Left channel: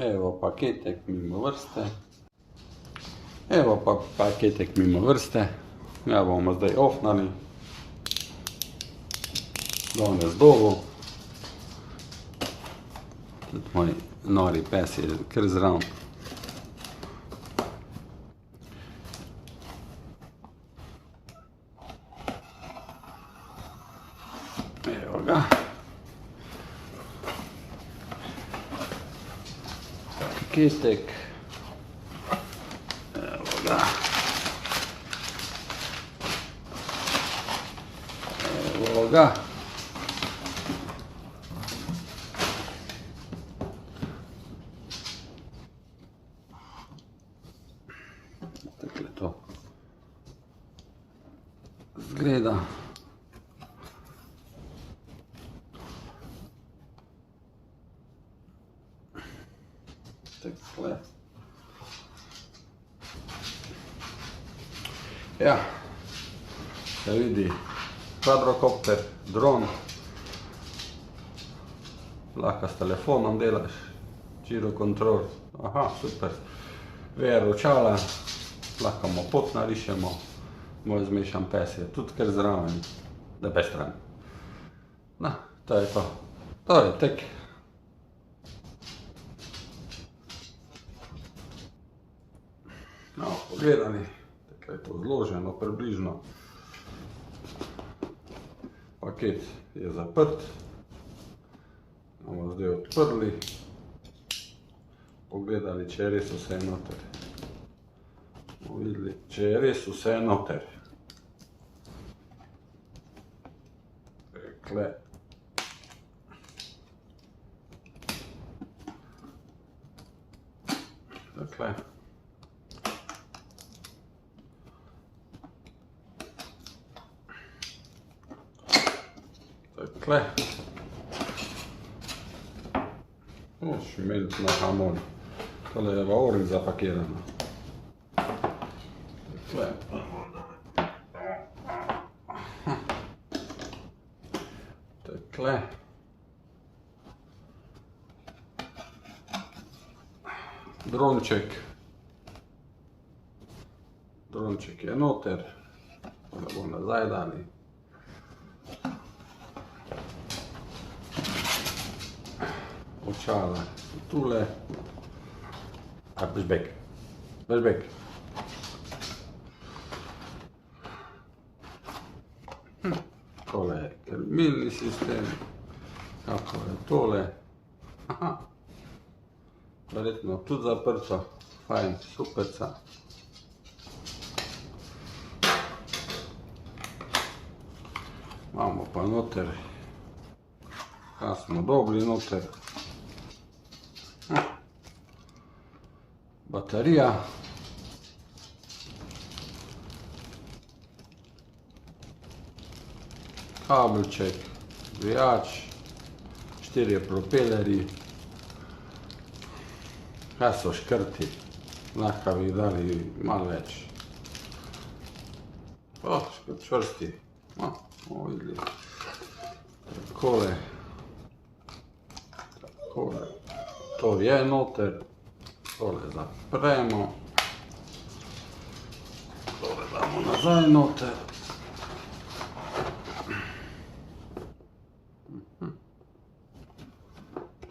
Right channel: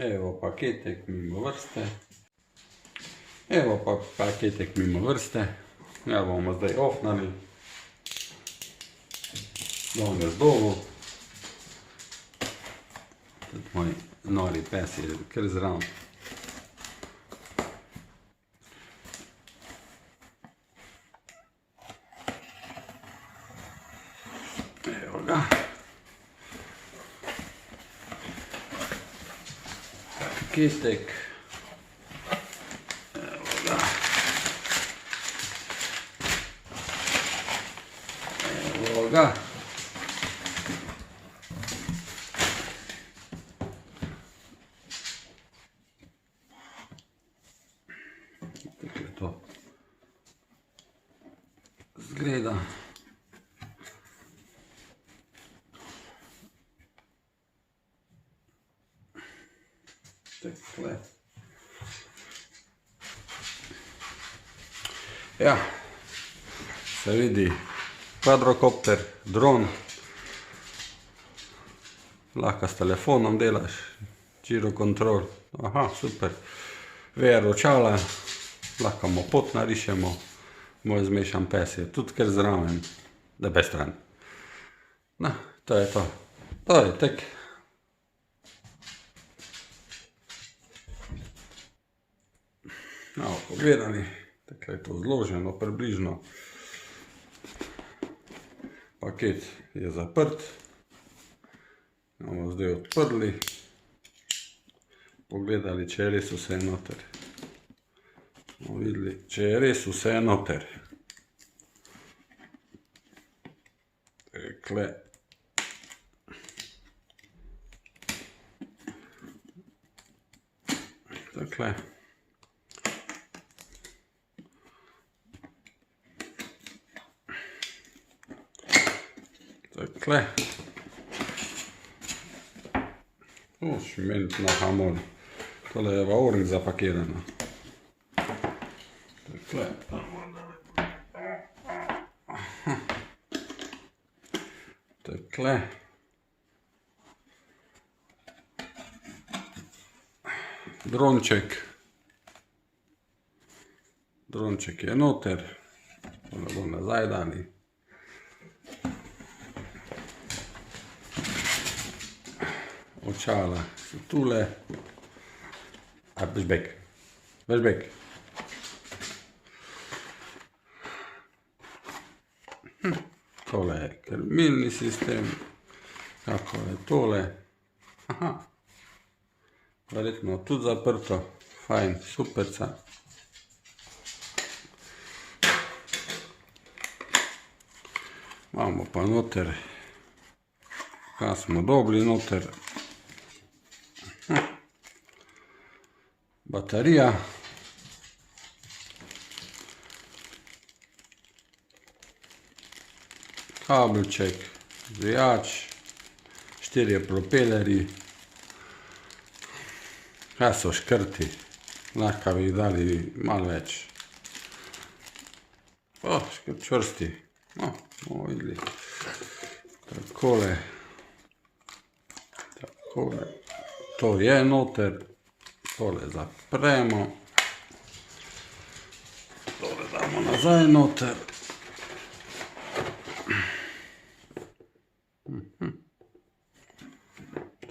Evo paketek mimo vrste. Evo pa paketek mimo vrste. Ja bomo zdaj ofnali. Danes dolgo. Tudi moj nori pes je kar zraven. Evo ga. Paketek. Evo ga. Evo ga. Tako je to zgleda. Takole. Ja, se vidi kvadrokopter, dron. Lahko s telefonom delaš, gyro control. Aha, super. VR očala, lahko mu pot narišemo. Moj zmešan pes je tudi kar zraven, da pe stran. No, to je to. To je tek. No, pogledali, tako je to zloženo približno. Paket je zaprt. Bomo zdaj odprli. Pogledali, če je res vse noter. Bomo videli, če je res vse noter. Takle. Takle. Takle. O, šment na hamon. Tole je v oring zapakirano. Takle. Takle. Dronček. Dronček je noter. To ga bomo nazaj dali. Očala so tule. A, bež bek. Bež bek. Tole je krmilni sistem. Kako je tole. Aha. Verjetno tudi zaprto. Fajn, superca. Imamo pa noter. Kaj smo dobili noter. Baterija. Kabelček, zvijač, 4 propelerji. Kaj so škrti, lahko bi jih dali malo več. O, škrt čvrsti. O, bomo videli. Takole. Takole. To je noter. Tole zapremo. Tole damo nazaj noter.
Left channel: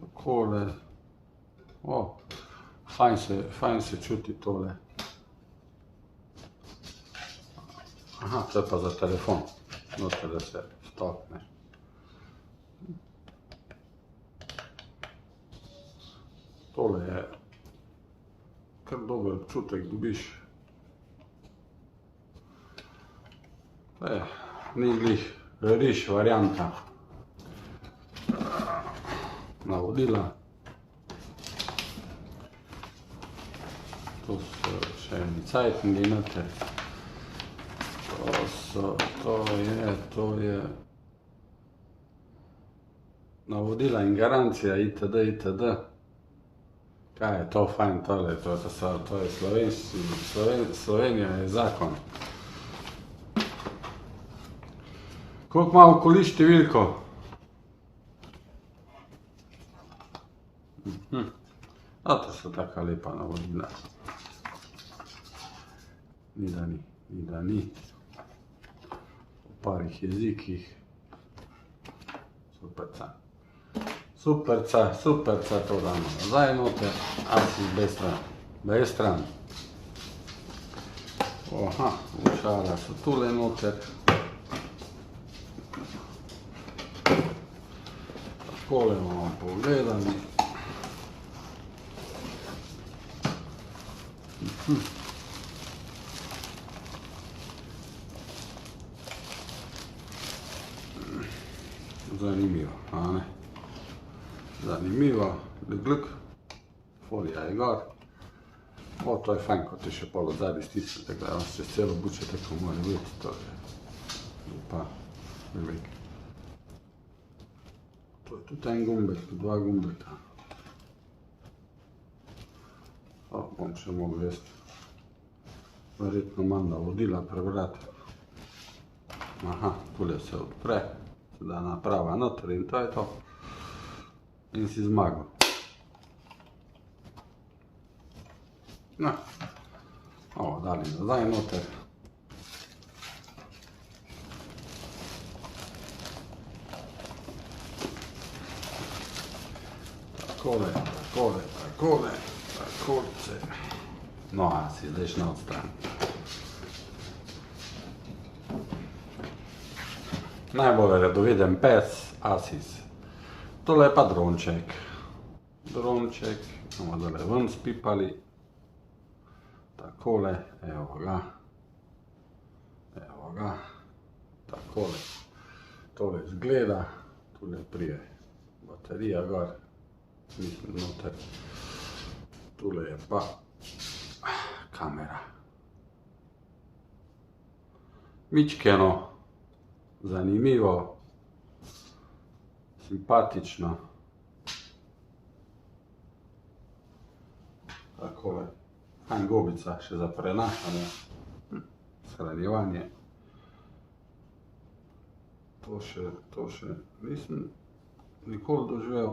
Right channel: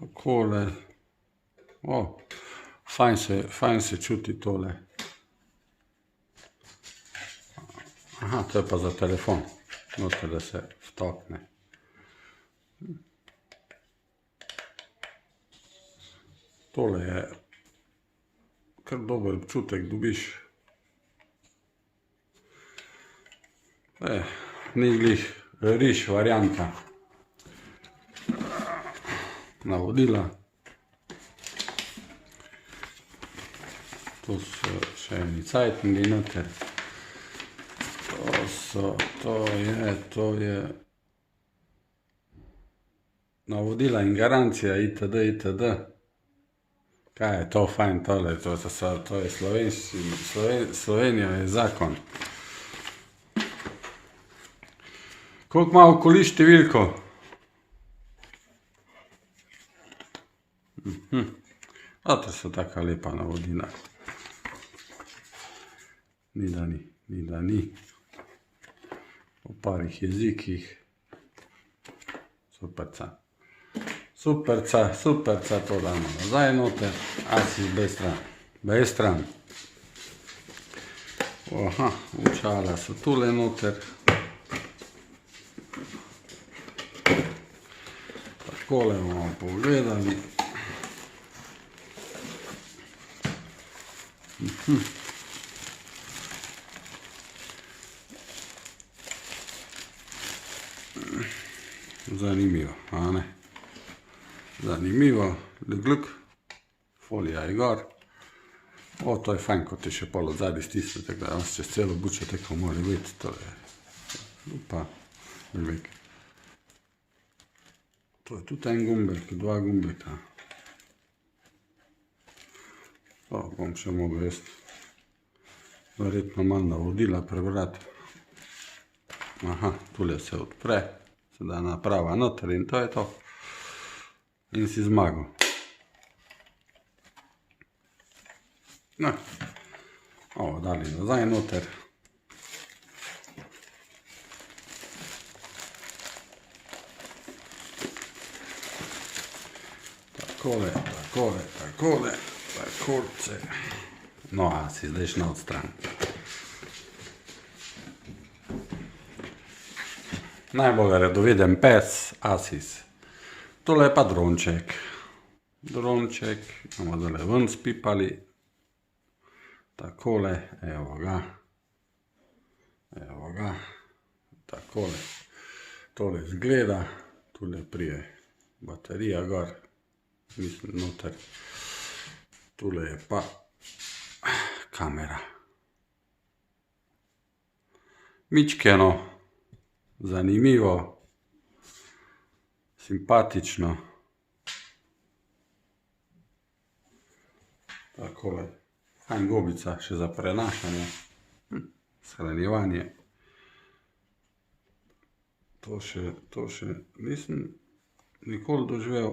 Takole. O, fajn se čuti tole. Aha, to je pa za telefon. Noter, da se vtakne. Tole je kar dober občutek dobiš. Ni glih riž varianta. Navodila. Tu so še eni cajtngi noter. To je navodila in garancija itd. itd. Kaj je to fajn tole, to je Slovenija je zakon. Koliko ima okoli številko? To so taka lepa navodila. Ni da ni. V parih jezikih. Superca, to damo nazaj noter. Asis bej stran. Aha, očala so tule noter. Takole bomo pogledali. Zanimivo, a ne? Zanimivo, gluk, folija je gor. To je fajn, ko te še pol od zadaj stisne, tako da čez celo bučo tako mora biti, to je pa velik. To je tudi en gumbek, dva gumbeka. Bom še mogel jaz verjetno malo navodila prebrati. Aha, tule se odpre, se da naprava noter in to je to. In si zmagal. No, ovo dali nazaj noter. Takole. No, si zdaj šel od stran. Najbolj redoviden pes, Asis. Tole je pa dronček. Dronček, bomo dole ven spipali. Takole, evo ga. Takole. Tole izgleda. Tule prije baterija gor. Mislim, noter. Tule je pa kamera. Mičkeno. Zanimivo. Simpatično. Takole. Fajn gobica, še za prenašanje. Shranjevanje. To še nisem nikoli doživel.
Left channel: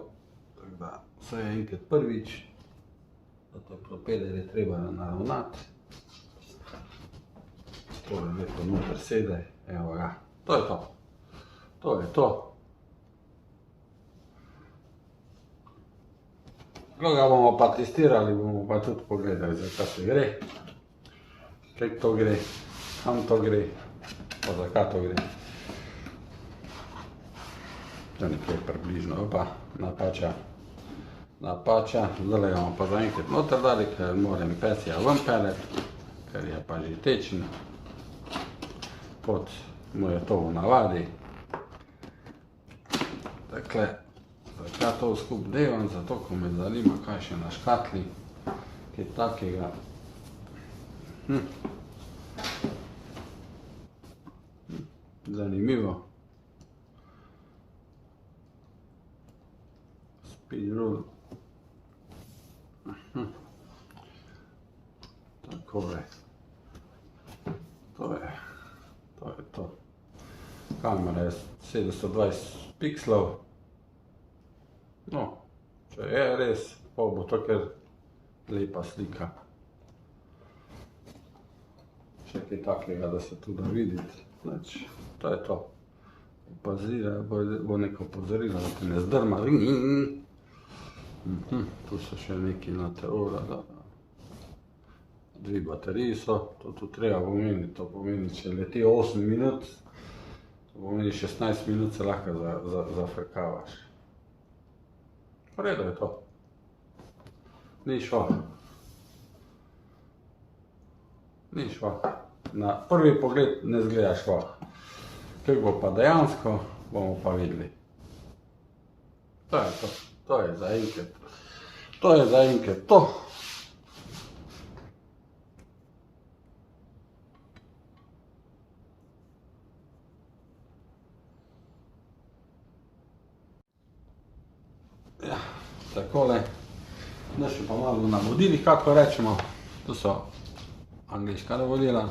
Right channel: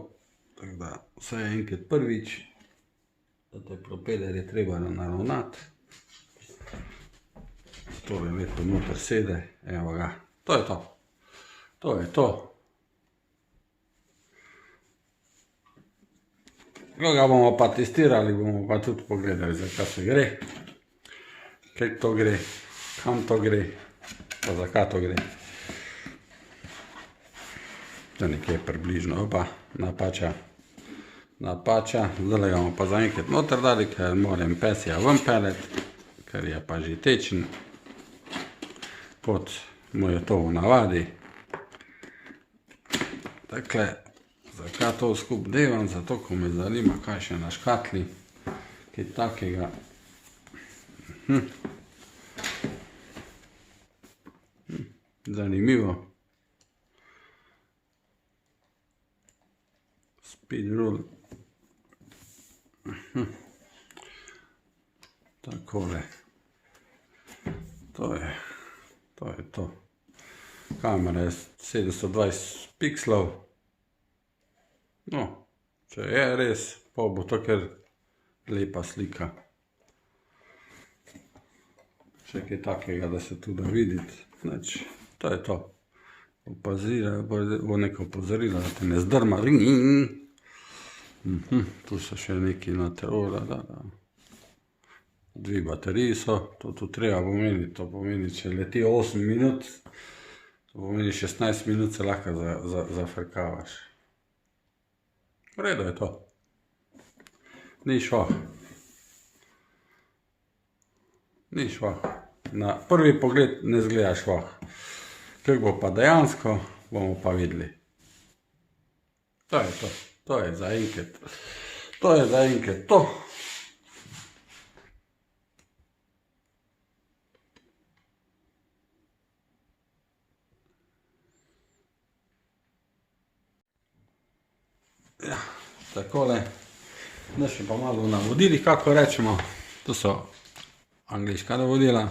Tako da, vse je enkrat prvič. Da te propeler je treba naravnati. Tole lepo noter sede. Evo ga. To je to. To je to. Ko ga bomo pa testirali, bomo pa tudi pogledali, za kaj se gre. Kaj to gre, kam to gre, pa za kaj to gre. To nekje približno, opa, napača. Zdaj ga bomo pa zaenkrat noter dali, ker moram pesja ven peljati, ker je pa že tečen, kot mu je to v navadi. Takle. Zakaj to skup devam? Zato, ko me zanima, kaj še na škatli, kaj takega. Zanimivo. Speedrule. Takole. To je to. Kamera je 720 pikslov. No, če je res, pa bo to kar lepa slika. Še kaj takega, da se tu da videti. To je to. Bo neko opozorilo, da te ne zdrma. Tu so še neki noter. Dve bateriji so, to tu treba pomeniti. To pomeni, če leti 8 minut, to pomeni 16 minut se lahko zafrkavaš. V redu je to. Ni švah. Na prvi pogled ne zgleda švah. Kako bo pa dejansko, bomo pa videli. To je to. To je zaenkrat to. Ja, takole. Da še pa malo navodili, kako rečemo. To so angleška navodila,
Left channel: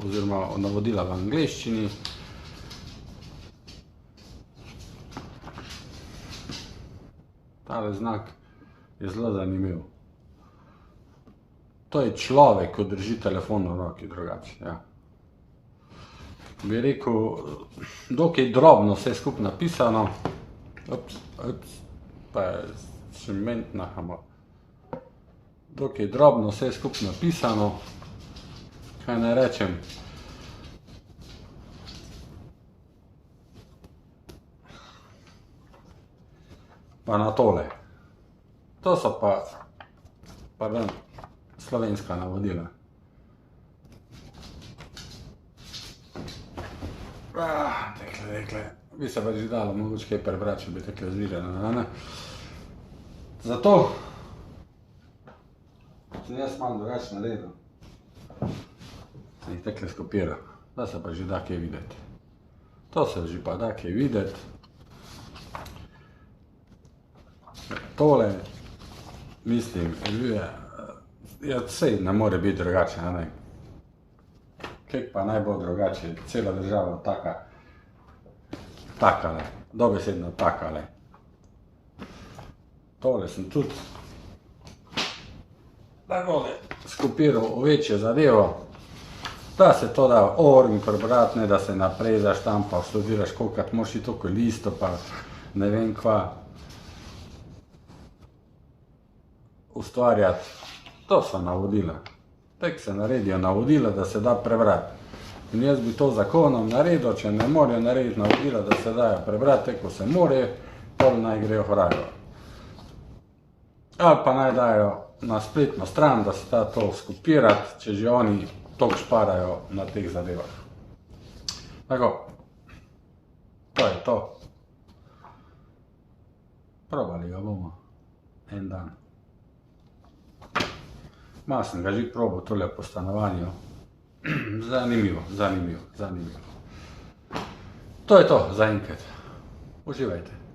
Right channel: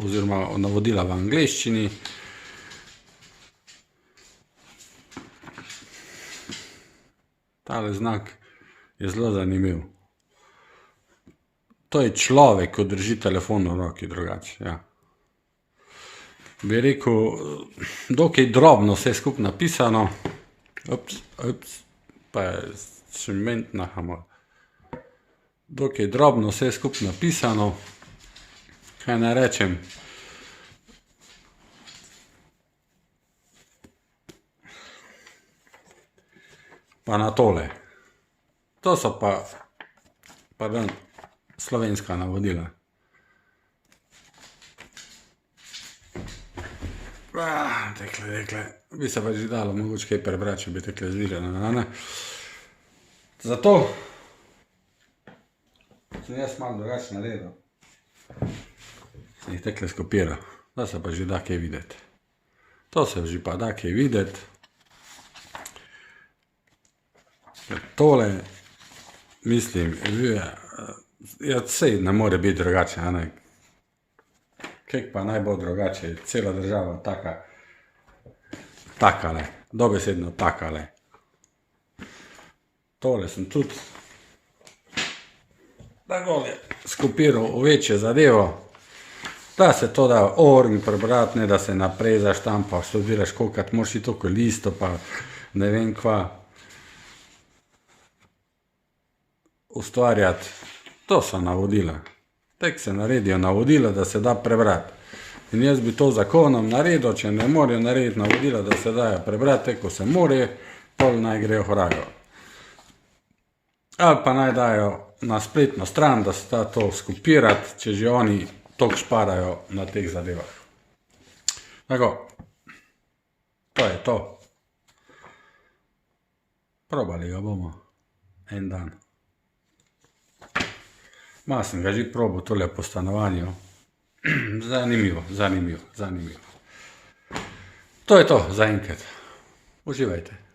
oziroma navodila v angleščini. Tale znak je zelo zanimiv. To je človek, ko drži telefon v roki drugače, ja. Bi rekel, dokaj drobno vse skupaj napisano. Pa je šment nahamo. Dokaj drobno vse skupaj napisano. Kaj naj rečem? Pa na tole. To so pa, pardon, slovenska navodila. Tekle. Bi se pa že dalo mogoče kaj prebrati, če bi tekle zvirane, ne? Zato sem jaz malo drugače naredil. Sem jih tekle skopiral. Da se pa že da kaj videti. To se že pa da kaj videti. Tole, mislim, sej ne more biti drugače, a ne? Kaj pa naj bo drugače, cela država takale, dobesedno takale. Tole sem tudi takole skopiral v večjo zadevo, da se to da orgi prebrati, ne da se naprej zaštampa, študiraš kolikrat moraš iti toliko listo, pa ne vem kva ustvarjati. To so navodila. Tek se naredijo navodila, da se da prebrati. In jaz bi to zakonom naredil, če ne morajo narediti navodila, da se dajo prebrati, ko se more, pol naj grejo horajo. Ali pa naj dajo na spletno stran, da se da to skopirati, če že oni toliko šparajo na teh zadevah. Tako, to je to. Probali ga bomo en dan. Malo sem ga že probal tole po stanovanju. Zanimivo. To je to za enkrat. Uživajte.